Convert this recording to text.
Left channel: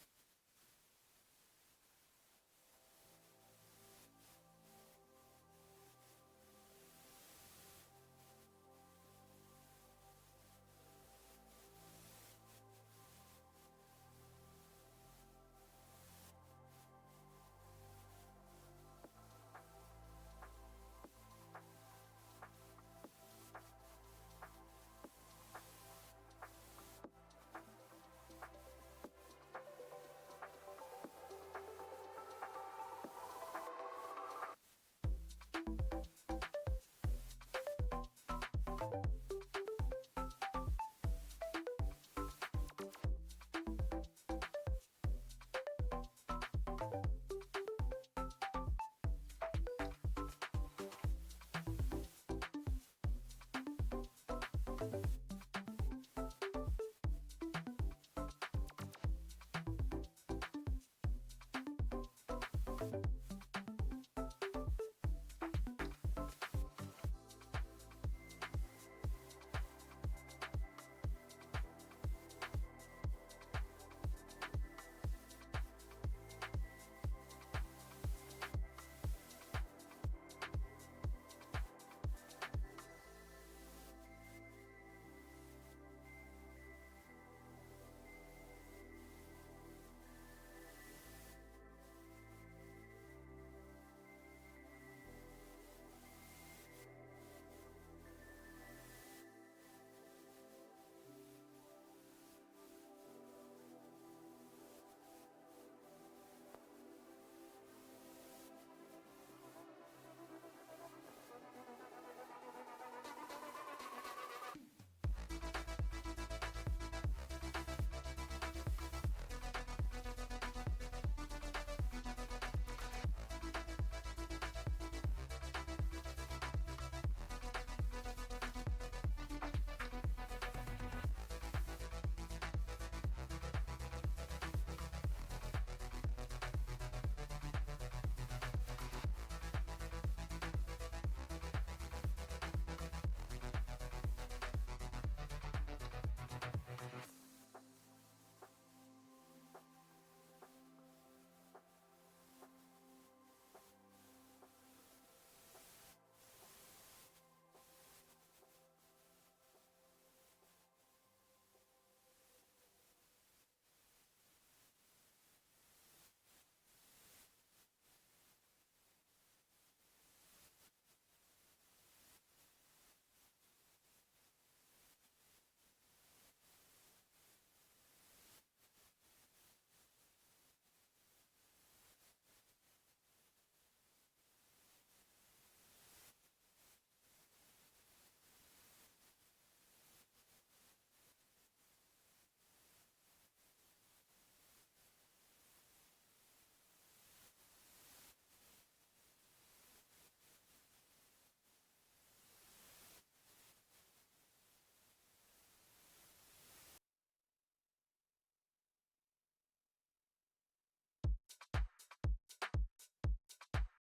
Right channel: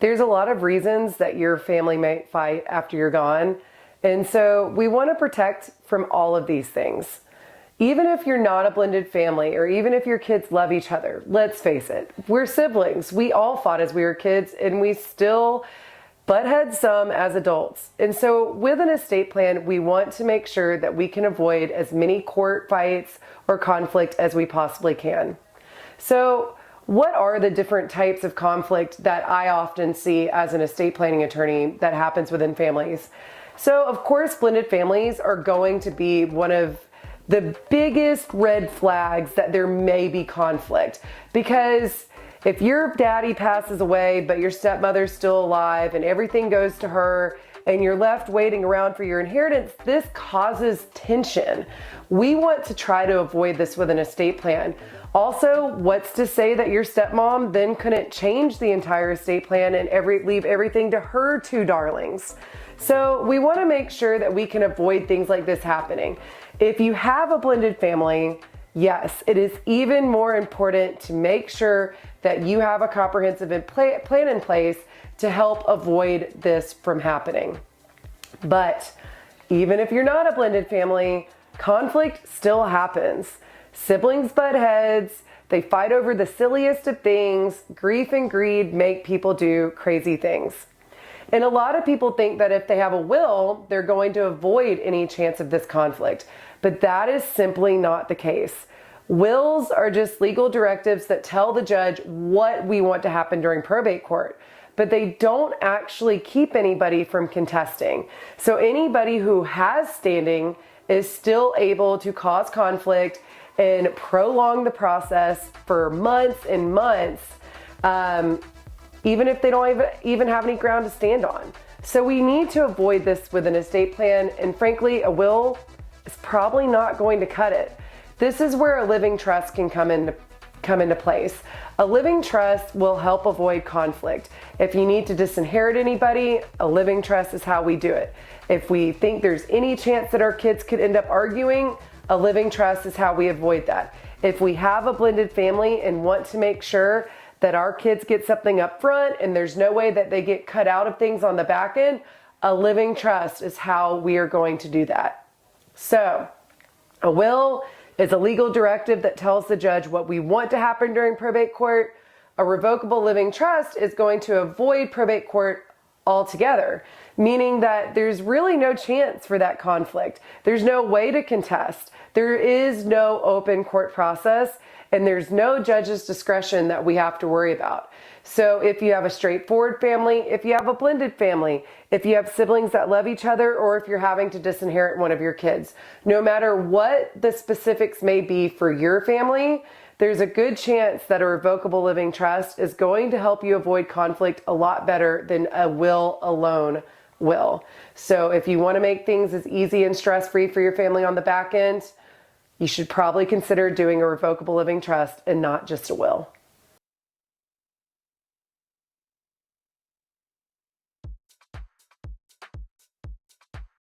There's a lot of reasons that your family might fight after you're gone. And so we want to protect from all of these things. Even if you're not a blended family, or even if your kids love each other, let's face it, we're siblings. We all fought as we were kids, and we still butt heads some as adults. And so with an estate plan, we want to make sure that we can avoid as many court fights or conflict as we possibly can. So what are the different types of conflict that I often see as an estate planning attorney that happens within families? So of course, blended families are going to be one of the biggest red flags that there may be conflict, because if your daddy passes away but your stepmother's still alive and everything goes to her and you're left waiting around for your inheritance, this causes tension. We want to try to avoid this with an estate plan. Also, what's to say that your stepmom then couldn't change the entire estate plan and leave everything to her two darlings? So we want to make sure that we can avoid things like this happening. If you have a blended family, yes, it is even more important to make sure that you have a comprehensive plan in place to help avoid this from happening. But even if you're not a blended family, conflict still happens. Siblings butt heads, they fight over the silliest of things. Grief and greed make people do crazy things. And a lot of people think that if they have a will, they're going to avoid any chance of this conflict. But that is simply not the case. Wills are just legal directives that tell the judge what we want to happen during probate court, but they don't actually keep anybody from contesting. So anybody who has standing is still able to cause conflict and prolong the process for months and months, even if they don't even have any ground to stand on. So we need to avoid this with an estate plan, and frankly, a will is probably not going to cut it. This is where a living trust can come into place. A living trust will help avoid conflict. If you need to disinherit anybody, a living trust is how we do it. If we think there's any chance that our kids could end up arguing, a living trust is how we avoid that. If we have a blended family and want to make sure that our kids get something up front and there's no way that they get cut out of things on the back end, a living trust is how we are going to do that. So, a will is a legal directive that tells the judge what we want to happen during probate court. A revocable living trust is going to avoid probate court altogether, meaning that there's really no chance for that conflict. There's no way to contest. There is no open court process, and there's no judge's discretion that we have to worry about. So if you have a straightforward family, if you have a blended family, if you have siblings that love each other, or if you're having to disinherit one of your kids, no matter what the specifics may be for your family, there's a good chance that a revocable living trust is going to help you avoid conflict a lot better than a will alone will. So if you want to make things as easy and stress-free for your family on the back end, you should probably consider doing a revocable living trust and not just a will.